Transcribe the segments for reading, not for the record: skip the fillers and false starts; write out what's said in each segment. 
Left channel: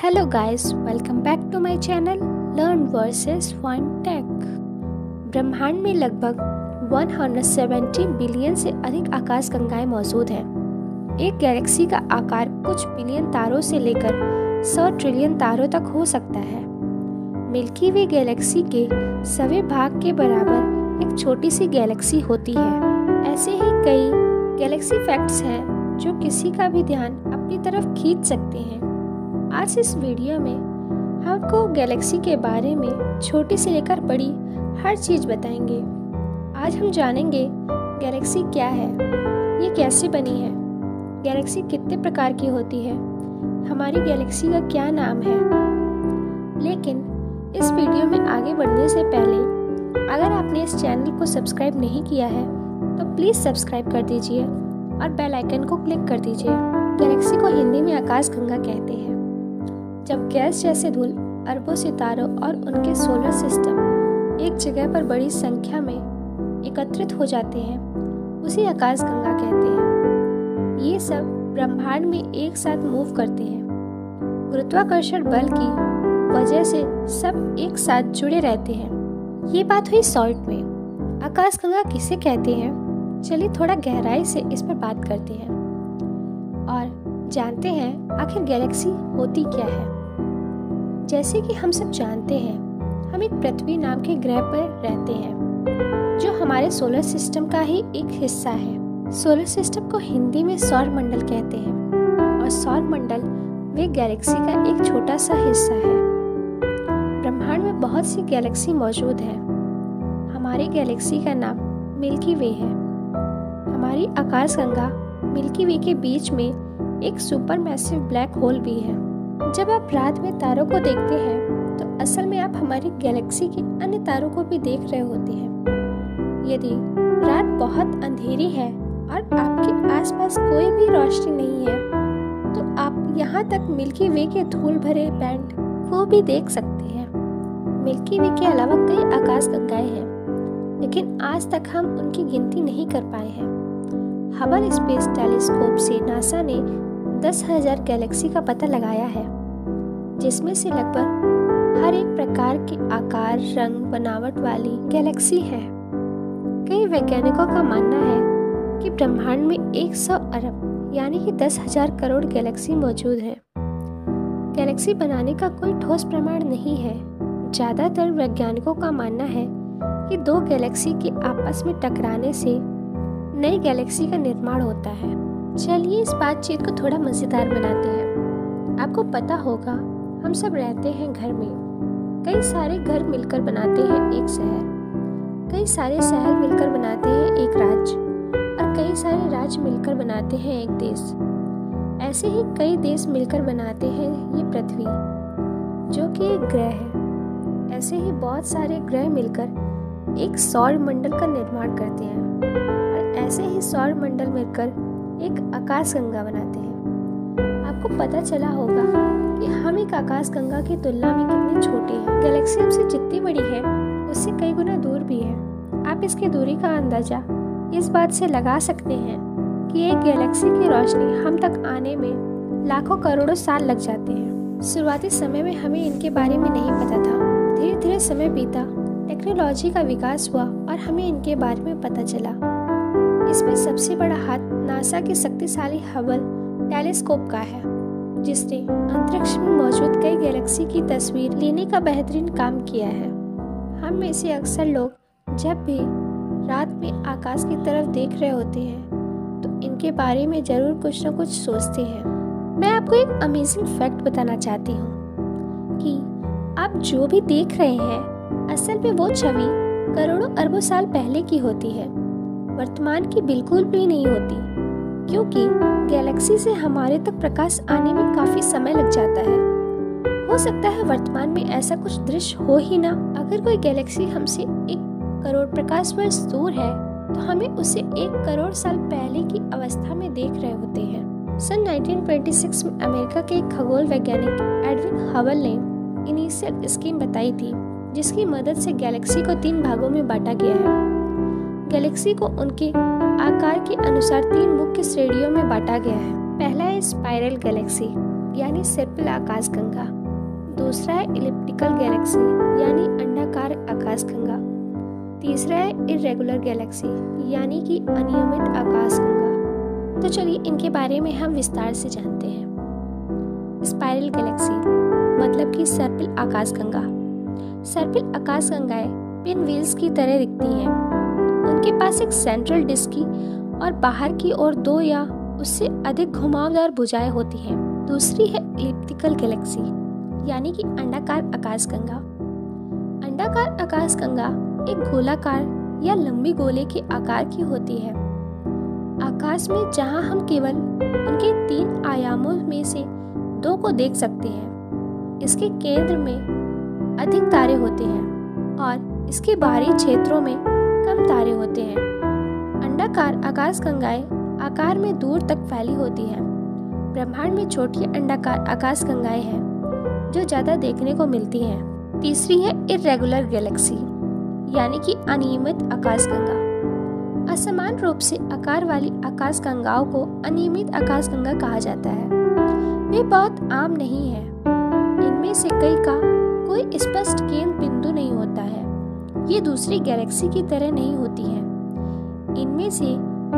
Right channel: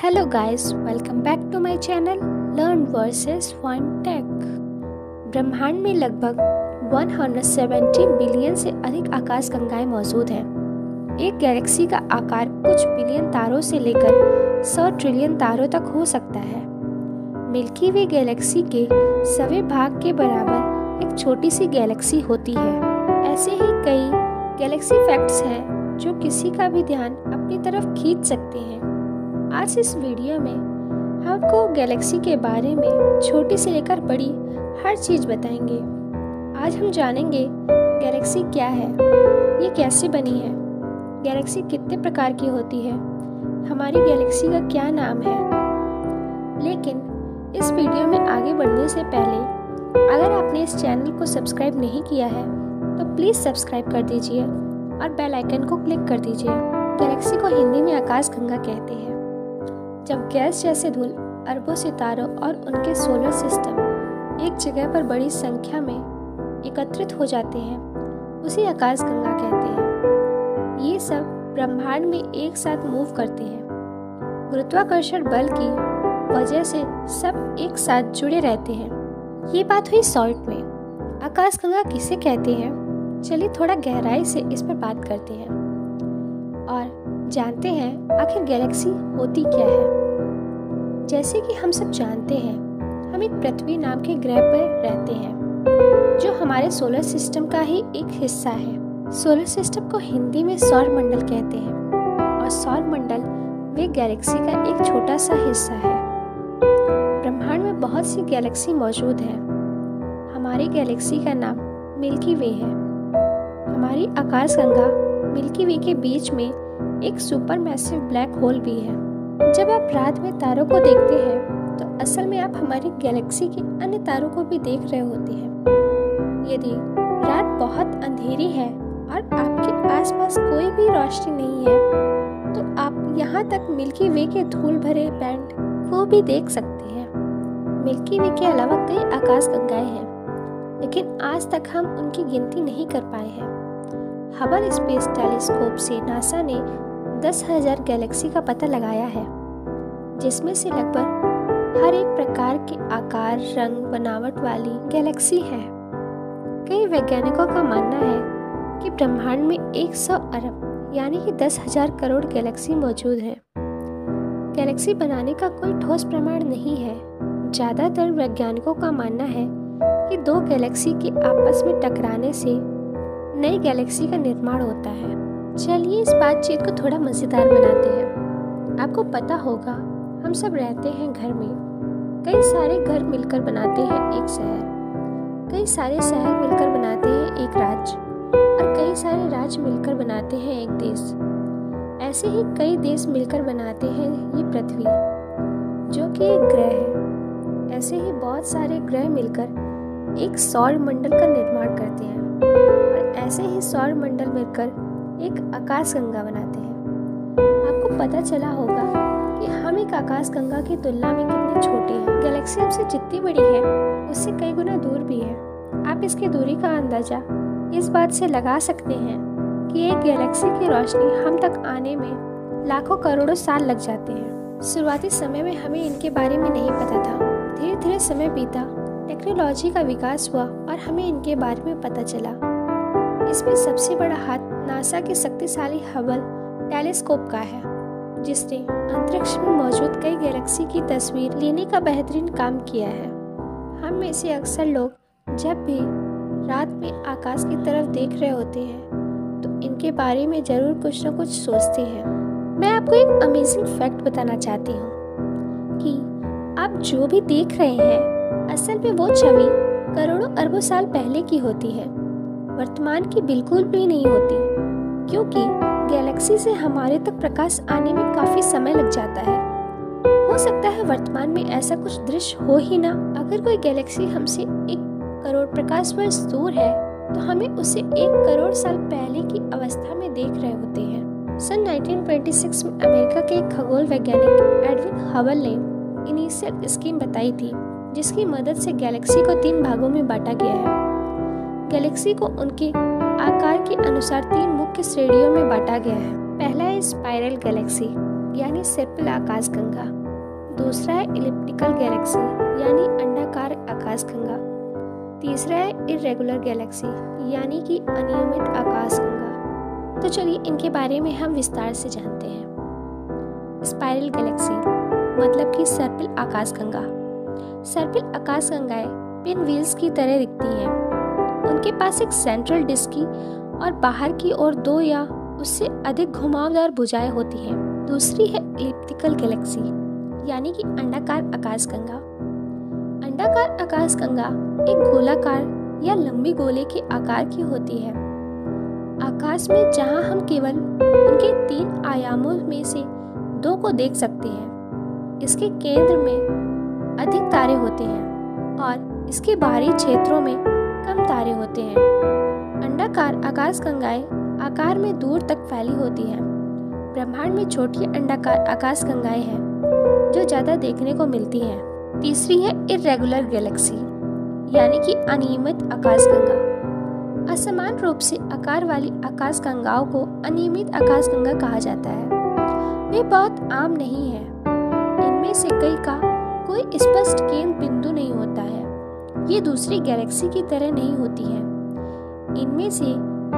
Hello guys, welcome back to my channel learn versus fun tech. ब्रह्मांड में लगभग 170 billion से अधिक आकाशगंगाएं मौजूद हैं। एक गैलेक्सी का आकार कुछ बिलियन तारों से लेकर 100 ट्रिलियन तारों तक हो सकता है। मिल्की वे गैलेक्सी के 100वें भाग के बराबर एक छोटी सी गैलेक्सी होती है। ऐसे ही कई गैलेक्सी फैक्ट्स हैं जो किसी का भी ध्यान अपनी तरफ खींच सकते हैं। आज इस वीडियो में हम आपको गैलेक्सी के बारे में छोटी से लेकर बड़ी हर चीज़ बताएंगे। आज हम जानेंगे गैलेक्सी क्या है, ये कैसे बनी है, गैलेक्सी कितने प्रकार की होती है, हमारी गैलेक्सी का क्या नाम है। लेकिन इस वीडियो में आगे बढ़ने से पहले अगर आपने इस चैनल को सब्सक्राइब नहीं किया है तो प्लीज़ सब्सक्राइब कर दीजिए और बेल आइकन को क्लिक कर दीजिए। गैलेक्सी को हिंदी में आकाशगंगा कहते हैं। जब गैस जैसे धूल अरबों सितारों और उनके सोलर सिस्टम एक जगह पर बड़ी संख्या में एकत्रित हो जाते हैं, उसे आकाशगंगा कहते हैं। ये सब ब्रह्मांड में एक साथ मूव करते हैं। गुरुत्वाकर्षण बल की वजह से सब एक साथ जुड़े रहते हैं। ये बात हुई शॉर्ट में। आकाशगंगा किसे कहते हैं, चलिए थोड़ा गहराई से इस पर बात करते हैं और जानते हैं आखिर गैलेक्सी होती क्या है। जैसे कि हम सब जानते हैं, हम एक पृथ्वी नाम के ग्रह पर रहते हैं जो हमारे सोलर सिस्टम का ही एक हिस्सा है। सोलर सिस्टम को हिंदी में सौर मंडल कहते हैं और सौर मंडल वे गैलेक्सी का एक छोटा सा हिस्सा है। ब्रह्मांड में बहुत सी गैलेक्सी मौजूद है। हमारी गैलेक्सी का नाम मिल्की वे है। हमारी आकाशगंगा मिल्की वे के बीच में एक सुपर मैसिव ब्लैक होल भी है। जब आप रात में तारों को देखते हैं तो असल में आप हमारी गैलेक्सी के अन्य तारों को भी देख रहे होते हैं। यदि रात बहुत अंधेरी है और आपके आसपास कोई भी रोशनी नहीं है तो आप यहाँ तक मिल्की वे के धूल भरे बैंड को भी देख सकते हैं। मिल्की वे के अलावा कई आकाशगंगाएं हैं, लेकिन आज तक हम उनकी गिनती नहीं कर पाए हैं। हबल स्पेस टेलीस्कोप से नासा ने 10,000 गैलेक्सी का पता लगाया है, जिसमें से लगभग हर एक प्रकार के आकार, रंग, बनावट वाली गैलेक्सी है। कई वैज्ञानिकों का मानना है कि ब्रह्मांड में 100 अरब यानी कि 10,000 करोड़ गैलेक्सी मौजूद है। गैलेक्सी बनाने का कोई ठोस प्रमाण नहीं है। ज़्यादातर वैज्ञानिकों का मानना है कि दो गैलेक्सी के आपस में टकराने से नई गैलेक्सी का निर्माण होता है। चलिए इस बातचीत को थोड़ा मज़ेदार बनाते हैं। आपको पता होगा हम सब रहते हैं घर में। कई सारे घर मिलकर बनाते हैं एक शहर, कई सारे शहर मिलकर बनाते हैं एक राज्य और कई सारे राज्य मिलकर बनाते हैं एक देश। ऐसे ही कई देश मिलकर बनाते हैं ये पृथ्वी, जो कि एक ग्रह है। ऐसे ही बहुत सारे ग्रह मिलकर एक सौर मंडल का निर्माण करते हैं और ऐसे ही सौर मंडल मिलकर एक आकाशगंगा बनाते हैं। आपको पता चला होगा कि हम एक आकाशगंगा की तुलना में कितने छोटे हैं। गैलेक्सी हमसे जितनी बड़ी है उससे कई गुना दूर भी है। आप इसकी दूरी का अंदाजा इस बात से लगा सकते हैं कि एक गैलेक्सी की रोशनी हम तक आने में लाखों करोड़ों साल लग जाते हैं। शुरुआती समय में हमें इनके बारे में नहीं पता था। धीरे धीरे समय बीता, टेक्नोलॉजी का विकास हुआ और हमें इनके बारे में पता चला। इसमें सबसे बड़ा हाथ नासा के शक्तिशाली हबल टेलीस्कोप का है, जिसने अंतरिक्ष में मौजूद कई गैलेक्सी की तस्वीर लेने का बेहतरीन काम किया है। हम में से अक्सर लोग जब भी रात में आकाश की तरफ देख रहे होते हैं तो इनके बारे में जरूर कुछ न कुछ सोचते हैं। मैं आपको एक अमेजिंग फैक्ट बताना चाहती हूँ कि आप जो भी देख रहे हैं असल में वो छवि करोड़ों अरबों साल पहले की होती है, वर्तमान की बिल्कुल भी नहीं होती, क्योंकि गैलेक्सी से हमारे तक प्रकाश आने में काफी समय लग जाता है। हो सकता है वर्तमान में ऐसा कुछ दृश्य हो ही ना। अगर कोई गैलेक्सी हमसे 1 करोड़ प्रकाश वर्ष दूर है तो हमें उसे 1 करोड़ साल पहले की अवस्था में देख रहे होते हैं। सन 1926 में अमेरिका के एक खगोल वैज्ञानिक एडविन हबल ने इनिशियल स्कीम बताई थी, जिसकी मदद से गैलेक्सी को 3 भागों में बांटा गया है। गैलेक्सी को उनके आकार के अनुसार 3 मुख्य श्रेणियों में बांटा गया है। पहला है स्पाइरल गैलेक्सी, यानी सर्पिल आकाशगंगा। दूसरा है इलिप्टिकल गैलेक्सी यानी अंडाकार आकाशगंगा। तीसरा है इर्रेगुलर गैलेक्सी यानी कि अनियमित आकाशगंगा। तो चलिए इनके बारे में हम विस्तार से जानते हैं। स्पाइरल गैलेक्सी मतलब कि सर्पिल आकाशगंगा। सर्पिल आकाशगंगाएं पिन व्हील्स की तरह दिखती हैं। उनके पास एक सेंट्रल डिस्क की और बाहर की ओर 2 या उससे अधिक घुमावदार भुजाएं होती हैं। दूसरी है इलिप्टिकल गैलेक्सी यानी कि अंडाकार आकाशगंगा। अंडाकार आकाशगंगा एक गोलाकार या लंबी गोले के आकार की होती है। आकाश में जहां हम केवल उनके 3 आयामों में से 2 को देख सकते हैं। इसके केंद्र में अधिक तारे होते हैं और इसके बाहरी क्षेत्रों में कम तारे होते हैं। अंडाकार आकाशगंगाएं आकार में दूर तक फैली होती हैं। ब्रह्मांड में छोटी अंडाकार आकाशगंगाएं हैं जो ज़्यादा देखने को मिलती हैं। तीसरी है इर्रेगुलर गैलेक्सी यानी कि अनियमित आकाशगंगा। असमान रूप से आकार वाली आकाशगंगाओं को अनियमित आकाशगंगा कहा जाता है। वे बहुत आम नहीं हैं। इनमें से कई का कोई स्पष्ट केंद्र बिंदु नहीं होता है। ये दूसरी गैलेक्सी की तरह नहीं होती हैं। इनमें से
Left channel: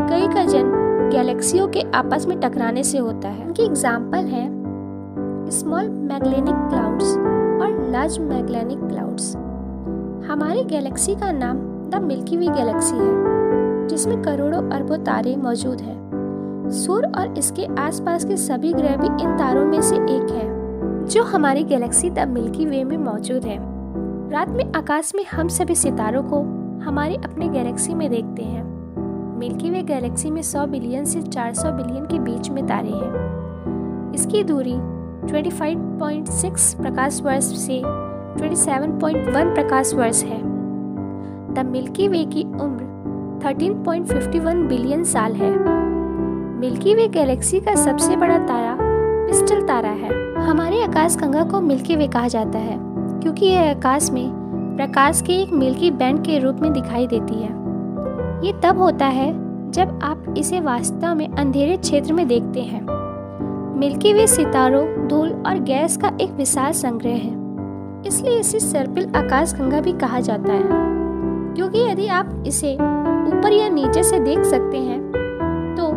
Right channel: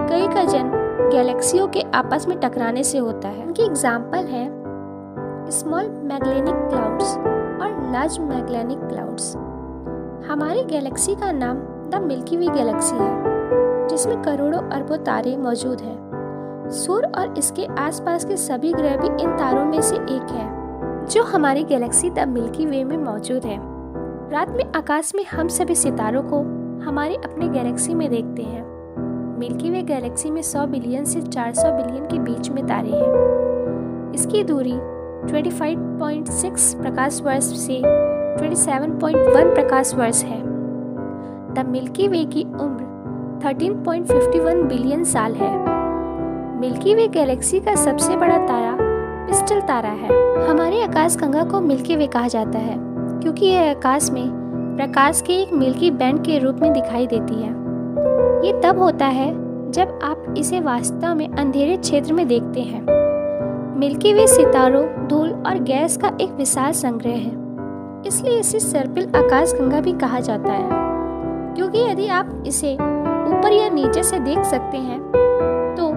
कई का जन्म गैलेक्सियों के आपस में टकराने से होता है। इनके एग्जाम्पल हैं स्मॉल मैगेलेनिक क्लाउड्स और लार्ज मैगेलेनिक क्लाउड्स। हमारी गैलेक्सी का नाम द मिल्की वे गैलेक्सी है, जिसमें करोड़ों अरबों तारे मौजूद हैं। सूर्य और इसके आसपास के सभी ग्रह भी इन तारों में से एक है, जो हमारी गैलेक्सी द मिल्की वे में मौजूद है। रात में आकाश में हम सभी सितारों को हमारे अपने गैलेक्सी में देखते हैं। मिल्की वे गैलेक्सी में 100 बिलियन से 400 बिलियन के बीच में तारे हैं। इसकी दूरी 25.6 प्रकाश वर्ष से 27.1 प्रकाश वर्ष है। द मिल्की वे की उम्र 13.51 बिलियन साल है। मिल्की वे गैलेक्सी का सबसे बड़ा तारा पिस्टल तारा है। हमारे आकाशगंगा को मिल्की वे कहा जाता है क्योंकि यह आकाश में प्रकाश के एक मिल्की बैंड के रूप में दिखाई देती है। ये तब होता है जब आप इसे वास्तव में अंधेरे क्षेत्र में देखते हैं। मिल्की वे सितारों, धूल और गैस का एक विशाल संग्रह है, इसलिए इसे सर्पिल आकाशगंगा भी कहा जाता है। क्योंकि यदि आप इसे ऊपर या नीचे से देख सकते हैं तो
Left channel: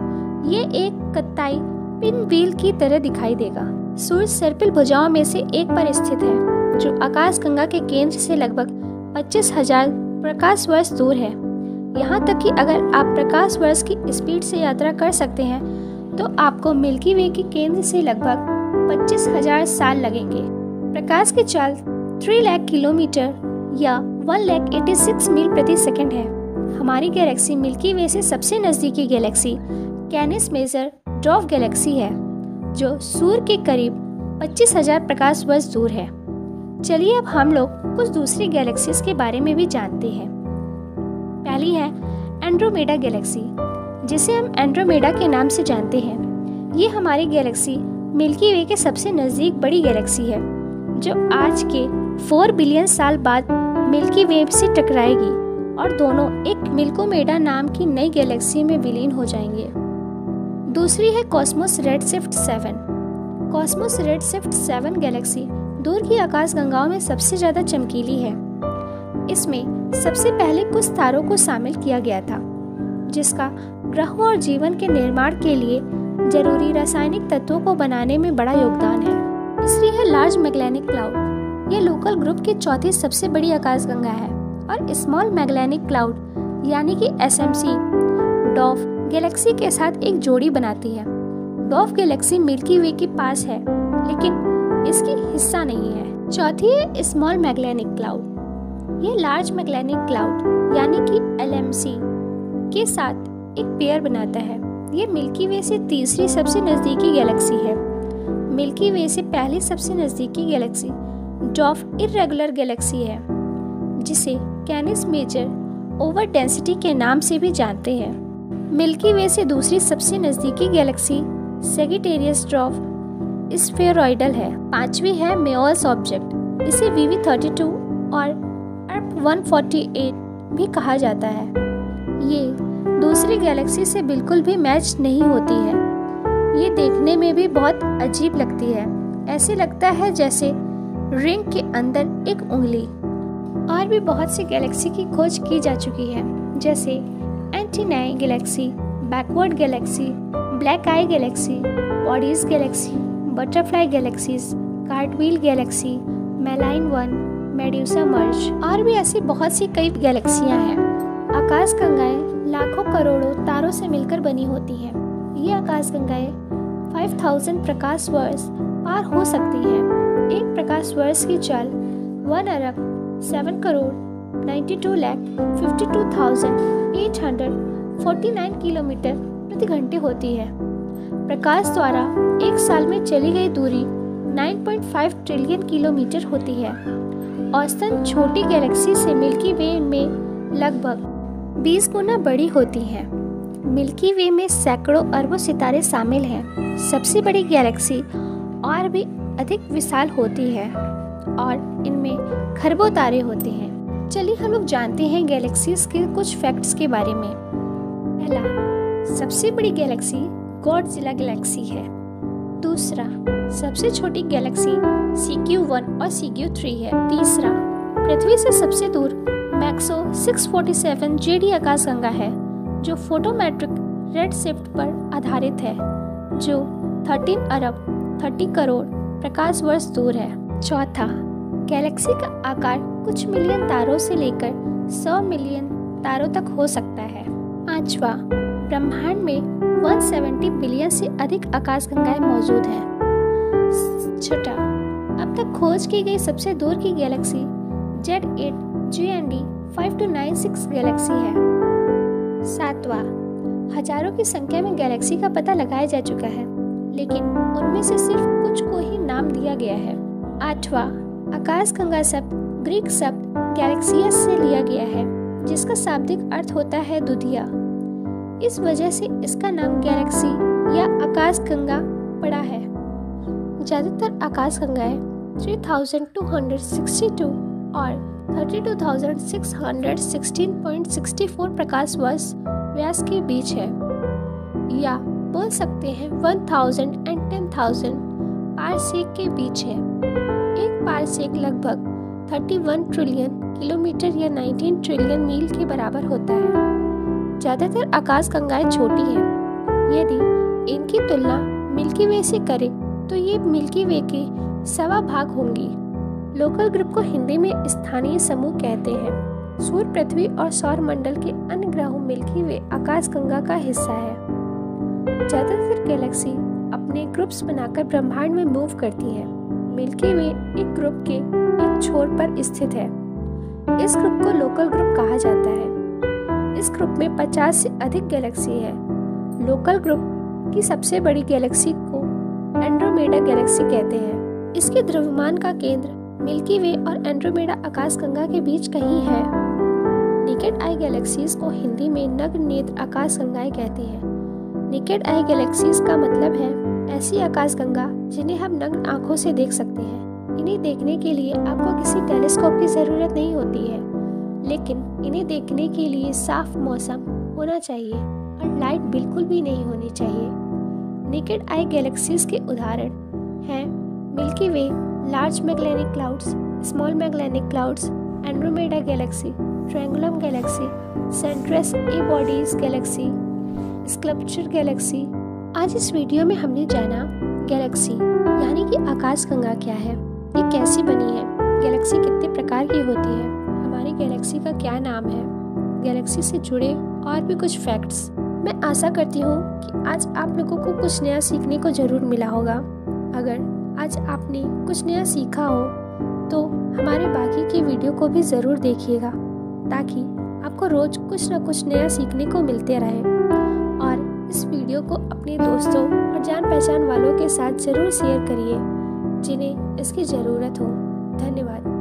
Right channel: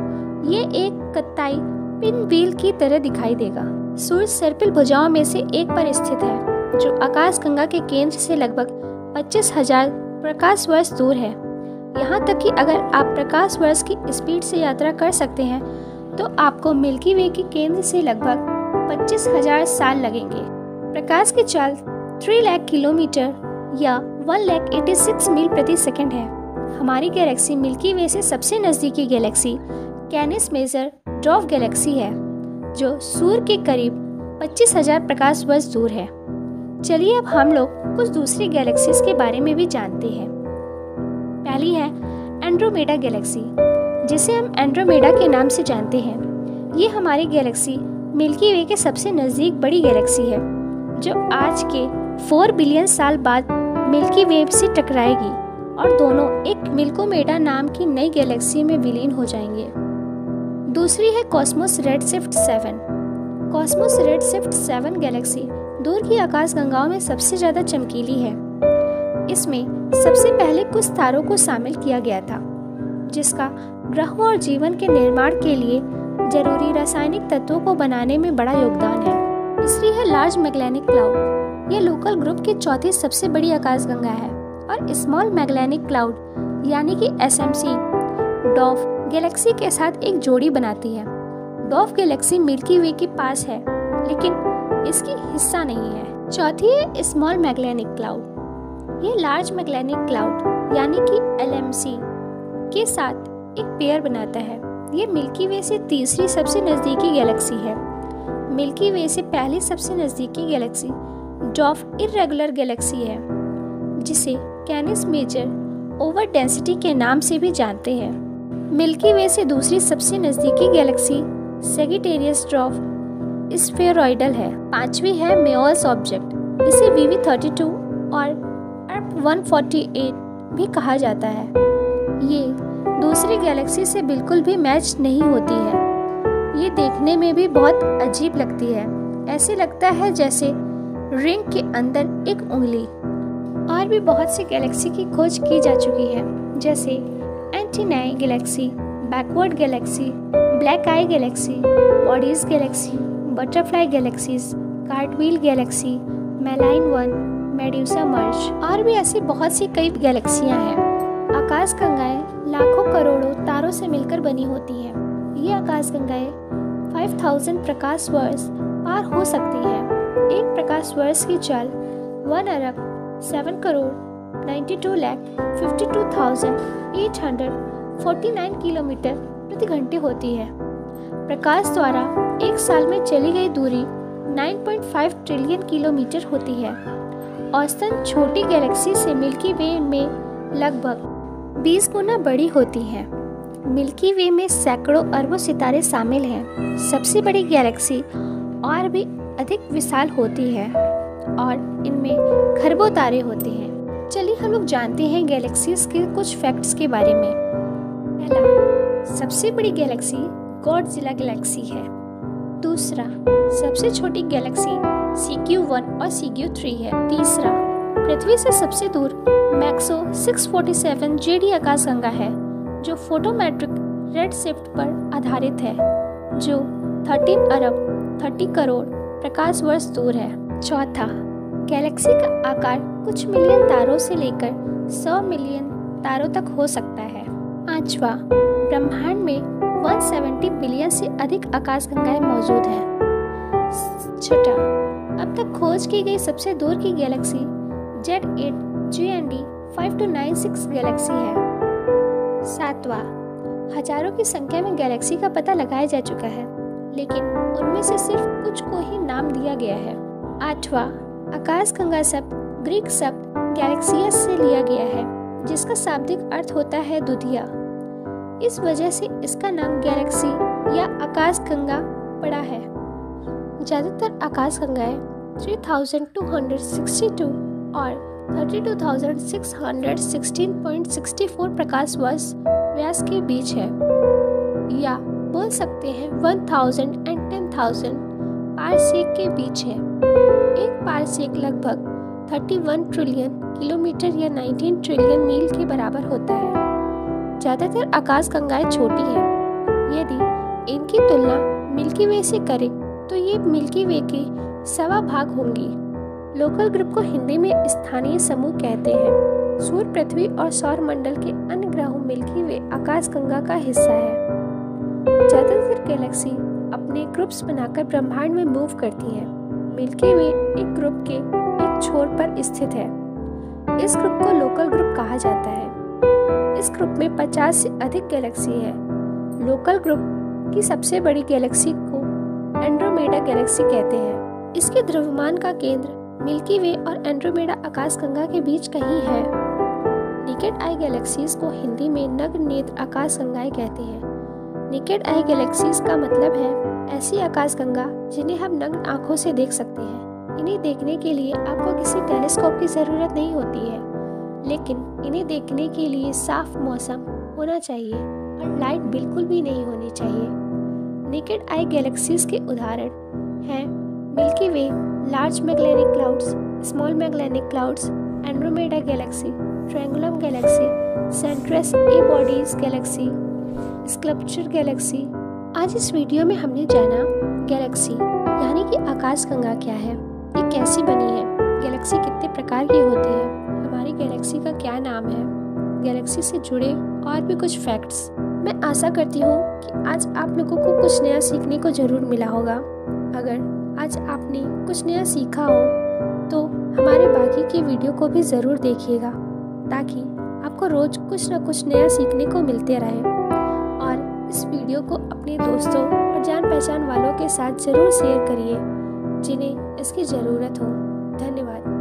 ये एक कत्ताई पिन व्हील की तरह दिखाई देगा। सूर्य सर्पिल भुजाओं में से एक पर स्थित है, जो आकाशगंगा के केंद्र से लगभग 25,000 प्रकाश वर्ष दूर है। यहाँ तक कि अगर आप प्रकाश वर्ष की स्पीड से यात्रा कर सकते हैं तो आपको मिल्की वे के केंद्र से लगभग 25,000 साल लगेंगे। प्रकाश की चाल 3 लाख किलोमीटर या 1,86 मील प्रति सेकंड है। हमारी गैलेक्सी मिल्की वे से सबसे नज़दीकी galaxy Canis Major dwarf galaxy है, जो सूर्य के करीब 25,000 प्रकाश वर्ष दूर है। चलिए अब हम लोग कुछ दूसरी गैलेक्सीज के बारे में भी जानते हैं। पहली है एंड्रोमेडा गैलेक्सी, जिसे हम एंड्रोमेडा के नाम से जानते हैं। ये हमारी गैलेक्सी मिल्की वे के सबसे नज़दीक बड़ी गैलेक्सी है, जो आज के 4 बिलियन साल बाद मिल्की वे से टकराएगी और दोनों एक मिल्कोमेडा नाम की नई गैलेक्सी में विलीन हो जाएंगे। दूसरी है Cosmos redshift 7। Cosmos redshift 7 Galaxy दूर की आकाशगंगाओं में सबसे ज़्यादा चमकीली है। इसमें सबसे पहले कुछ तारों को शामिल किया गया था, जिसका ग्रहों और जीवन के निर्माण के लिए जरूरी रासायनिक तत्वों को बनाने में बड़ा योगदान है। तीसरी है लार्ज मैगेलेनिक क्लाउड। यह लोकल ग्रुप की चौथी सबसे बड़ी आकाशगंगा है और स्मॉल मैगेलेनिक क्लाउड यानी कि SMC ड्वार्फ गैलेक्सी के साथ एक जोड़ी बनाती है। ड्वार्फ गैलेक्सी मिल्की वे के पास है, लेकिन इसकी हिस्सा नहीं है। चौथी है स्मॉल मैगेलेनिक क्लाउड। ये लार्ज मैगेलेनिक क्लाउड यानी कि LMC के साथ एक पेयर बनाता है। ये मिल्की वे से तीसरी सबसे नज़दीकी गैलेक्सी है। मिल्की वे से पहली सबसे नज़दीकी गैलेक्सी ड्वार्फ इर्रेगुलर गैलेक्सी है, जिसे कैनिस मेजर ओवर डेंसिटी के नाम से भी जानते हैं। मिल्की वे से दूसरी सबसे नज़दीकी गैलेक्सी सेजिटेरियस ड्वार्फ स्फेरॉइडल है। पांचवी है मेयोल्स ऑब्जेक्ट। इसे VV32 और ERP 148 भी कहा जाता है। ये दूसरी गैलेक्सी से बिल्कुल भी मैच नहीं होती है। ये देखने में भी बहुत अजीब लगती है। ऐसे लगता है जैसे रिंग के अंदर एक उंगली। और भी बहुत सी गैलेक्सी की खोज की जा चुकी है, जैसे Antennae Galaxy, Backward Galaxy, Black Eye Galaxy, Bode's Galaxy, Butterfly Galaxies, Cartwheel Galaxy, Malin One, Medusa Merger और भी ऐसी बहुत सी कई गैलेक्सियां हैं। आकाशगंगाएं लाखों करोड़ों तारों से मिलकर बनी होती हैं। ये आकाशगंगाएं 5000 प्रकाश वर्ष पार हो सकती हैं। एक प्रकाश वर्ष की चाल 1 अरब 7 करोड़ 92,52,849 किलोमीटर प्रति घंटे होती है। प्रकाश द्वारा एक साल में चली गई दूरी 9.5 ट्रिलियन किलोमीटर होती है। औसतन छोटी गैलेक्सी से मिल्की वे में लगभग 20 गुना बड़ी होती हैं। मिल्की वे में सैकड़ों अरबों सितारे शामिल हैं। सबसे बड़ी गैलेक्सी और भी अधिक विशाल होती है और इनमें खरबों तारे होते हैं। चलिए हम लोग जानते हैं गैलेक्सीज के कुछ फैक्ट्स के बारे में। पहला, सबसे बड़ी गैलेक्सी गॉडजिला गैलेक्सी है। दूसरा, सबसे छोटी गैलेक्सी CQ1 और CQ3 है। तीसरा, पृथ्वी से सबसे दूर मैक्सो 647 JD आकाशगंगा है, जो फोटोमेट्रिक रेडशिफ्ट पर आधारित है, जो 13 अरब 30 करोड़ प्रकाश वर्ष दूर है। चौथा, गैलेक्सी का आकार कुछ मिलियन तारों से लेकर 100 मिलियन तारों तक हो सकता है। पांचवा, ब्रह्मांड में 170 बिलियन से अधिक आकाशगंगाएं मौजूद हैं। छठा, अब तक खोज की गई सबसे दूर की गैलेक्सी Z8 GND 5296 गैलेक्सी है। सातवां, हजारों की संख्या में गैलेक्सी का पता लगाया जा चुका है, लेकिन उनमें से सिर्फ कुछ को ही नाम दिया गया है। आठवां, आकाशगंगा शब्द ग्रीक शब्द गैलेक्सियस से लिया गया है, जिसका शाब्दिक अर्थ होता है दुधिया। इस वजह से इसका नाम गैलेक्सी या आकाशगंगा पड़ा है। ज्यादातर आकाशगंगाएं 3262 और 32,616.64 प्रकाश वर्ष व्यास के बीच है, या बोल सकते हैं 1000 and 10,000 पारसेक के बीच है। एक पारसेक लगभग 31 ट्रिलियन किलोमीटर या 19 ट्रिलियन मील के बराबर होता है। ज्यादातर आकाशगंगाएं छोटी हैं। यदि इनकी तुलना मिल्की वे से करें तो ये मिल्की वे के 1.25 भाग होंगी। लोकल ग्रुप को हिंदी में स्थानीय समूह कहते हैं। सूर्य, पृथ्वी और सौर मंडल के अन्य ग्रहों मिल्की वे आकाशगंगा का हिस्सा है। ज्यादातर गैलेक्सी अपने ग्रुप्स बनाकर ब्रह्मांड में मूव करती हैं। मिल्की वे एक ग्रुप के एक छोर पर स्थित है। इस ग्रुप को लोकल ग्रुप कहा जाता है। इस ग्रुप में 50 से अधिक गैलेक्सी है। लोकल ग्रुप की सबसे बड़ी गैलेक्सी को एंड्रोमेडा गैलेक्सी कहते हैं। इसके द्रव्यमान का केंद्र मिल्की वे और एंड्रोमेडा आकाशगंगा के बीच कहीं है। नेकेड आई गैलेक्सीज को हिंदी में नग्न नेत्र आकाशगंगाएं कहते हैं। नेकेड आई गैलेक्सीज का मतलब है ऐसी आकाशगंगा जिन्हें हम नग्न आंखों से देख सकते हैं। इन्हें देखने के लिए आपको किसी टेलीस्कोप की जरूरत नहीं होती है, लेकिन इन्हें देखने के लिए साफ मौसम होना चाहिए और लाइट बिल्कुल भी नहीं होनी चाहिए। नेकेड आई गैलेक्सीज के उदाहरण हैं Milky Way, Large Magellanic Clouds, Small Magellanic Clouds, Andromeda Galaxy, Triangulum Galaxy, Centaurus A Bode's Galaxy, Sculptor Galaxy. आज इस वीडियो में हमने जाना गैलेक्सी यानी कि आकाशगंगा क्या है, ये कैसी बनी है, गैलेक्सी कितने प्रकार की होती है, हमारी गैलेक्सी का क्या नाम है, गैलेक्सी से जुड़े और भी कुछ फैक्ट्स। मैं आशा करती हूँ कि आज आप लोगों को कुछ नया सीखने को जरूर मिला होगा। अगर आज आपने कुछ नया सीखा हो तो हमारे बाकी के वीडियो को भी ज़रूर देखिएगा, ताकि आपको रोज़ कुछ न कुछ नया सीखने को मिलते रहे। और इस वीडियो को अपने दोस्तों और जान पहचान वालों के साथ ज़रूर शेयर करिए जिन्हें इसकी ज़रूरत हो। धन्यवाद।